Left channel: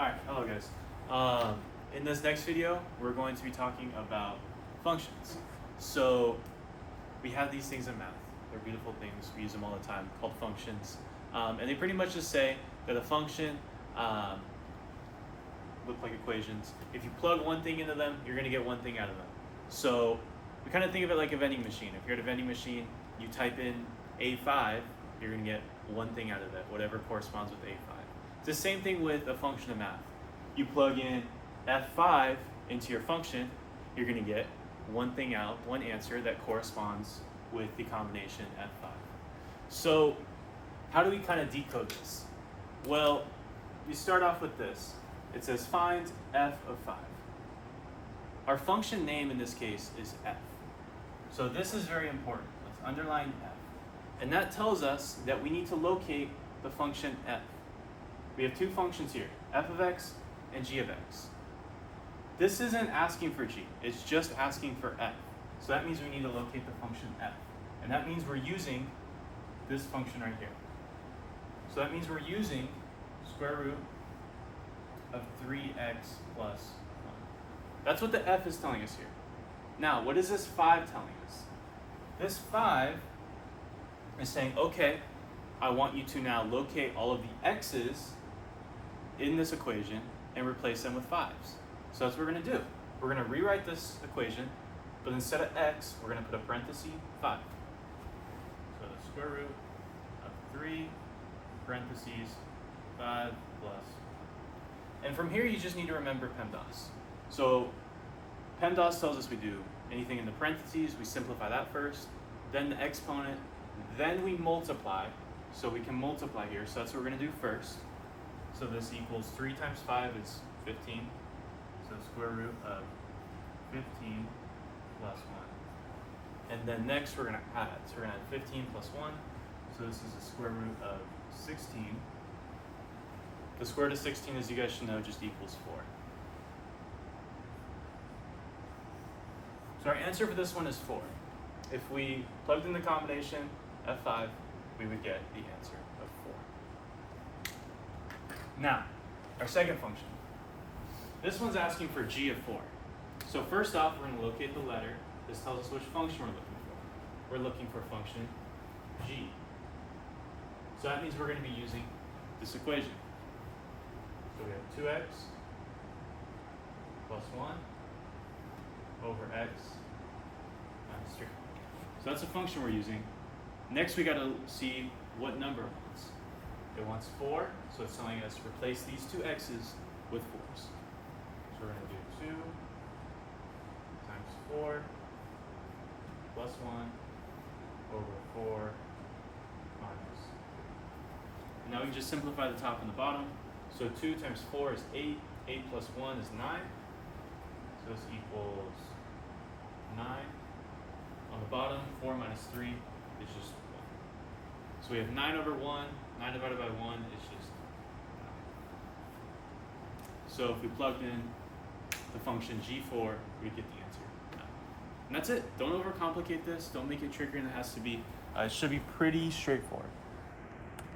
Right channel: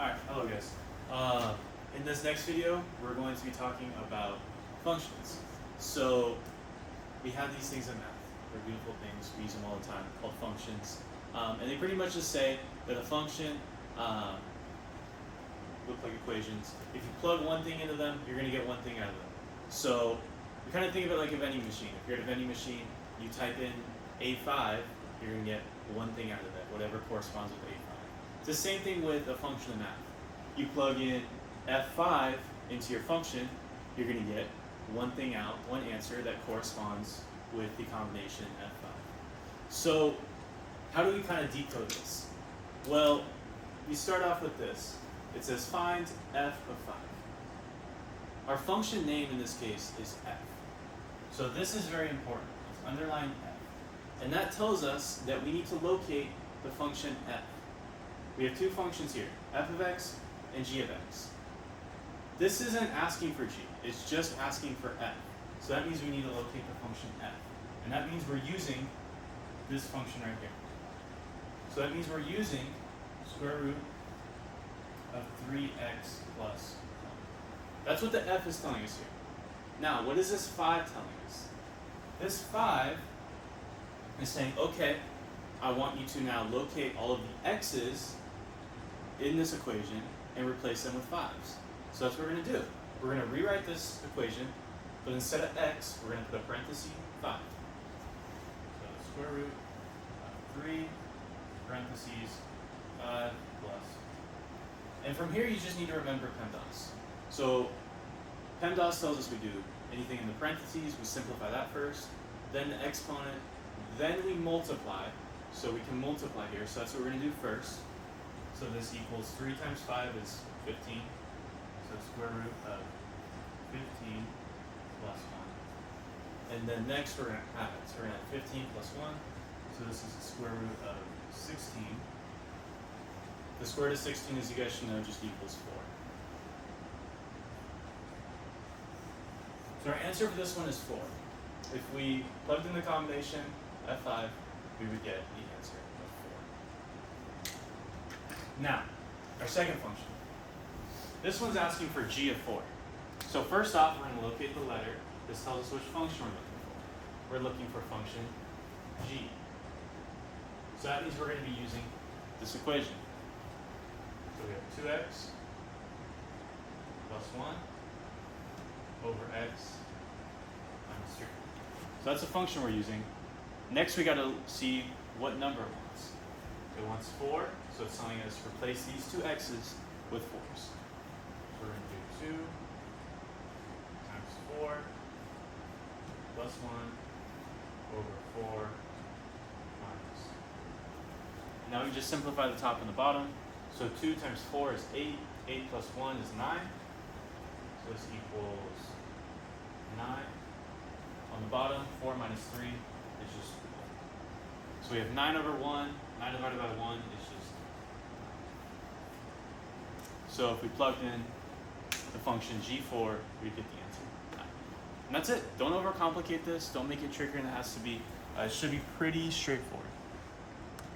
Alright, hello guys. In this next video, we're going to be talking about functions. So, we have these things in math. They're beautiful things, we use them all the time, called functions. And they pretty much just say that a function look like equations. If you plug one thing into them, you're going to get one thing out of them. So, we kind of think of it like a vending machine. If you're at a vending machine, you type in A5, you're going to get one thing out of that, whatever corresponds with A5. It's the same thing with a function of math. You plug in F5 into your function, you're going to get one thing out, one answer that corresponds with the combination F5. So how do we kind of decode this? Well, you start off with this. It says find f of 5. Our function name in this case is f. So this is very important. Let's underline f. And that tells us that we need to locate the function f. We have two functions here, f of x and g of x. This isn't asking for g, it's just asking for f. So that means we need to locate the function f. And that means we're using this function right here. So that means we're using square root of 3x plus 1. That's what the f is telling us here. Now, what is this 5 telling us? This 5 is saying, okay, I want you to now locate all of the x's in this equation and replace them with 5's. So that's what we're going to do. We're going to rewrite this equation, but instead of x, we're going to put a parenthesis 5. So the square root of 3 parentheses 5 plus. And from here, you just need to remember PEMDAS. So PEMDAS tells us we do anything in the parentheses, we simplify that first, then the exponent, then we multiply. So we can multiply here, so that's what we're going to do first. So this equals 3 times 5 is 15. So square root of 15 plus 1. And then next we're going to add. So we're going to have 15 plus 1. So this is the square root of 16. The square root of 16, as you guys should know, just equals 4. So our answer for this one is 4. If we plugged in the combination F5, we would get the answer of 4. Now, our second function. This one's asking for g of 4. So first off, we're going to locate the letter. This tells us which function we're looking for. We're looking for function g. So that means we're going to be using this equation. So we have 2x plus 1 over x minus 3. So that's the function we're using. Next, we got to see what number it wants. It wants 4, so it's telling us replace these two x's with 4's. So we're going to do 2 times 4 plus 1 over 4 minus 3. And now we can just simplify the top and the bottom. So 2 times 4 is 8. 8 plus 1 is 9. So this equals 9. On the bottom, 4 minus 3 is just 1. So we have 9 over 1. 9 divided by 1 is just 9. So if we plugged in the function g4, we get the answer 9. And that's it. Don't overcomplicate this. Don't make it trickier than it has to be. It should be pretty straightforward.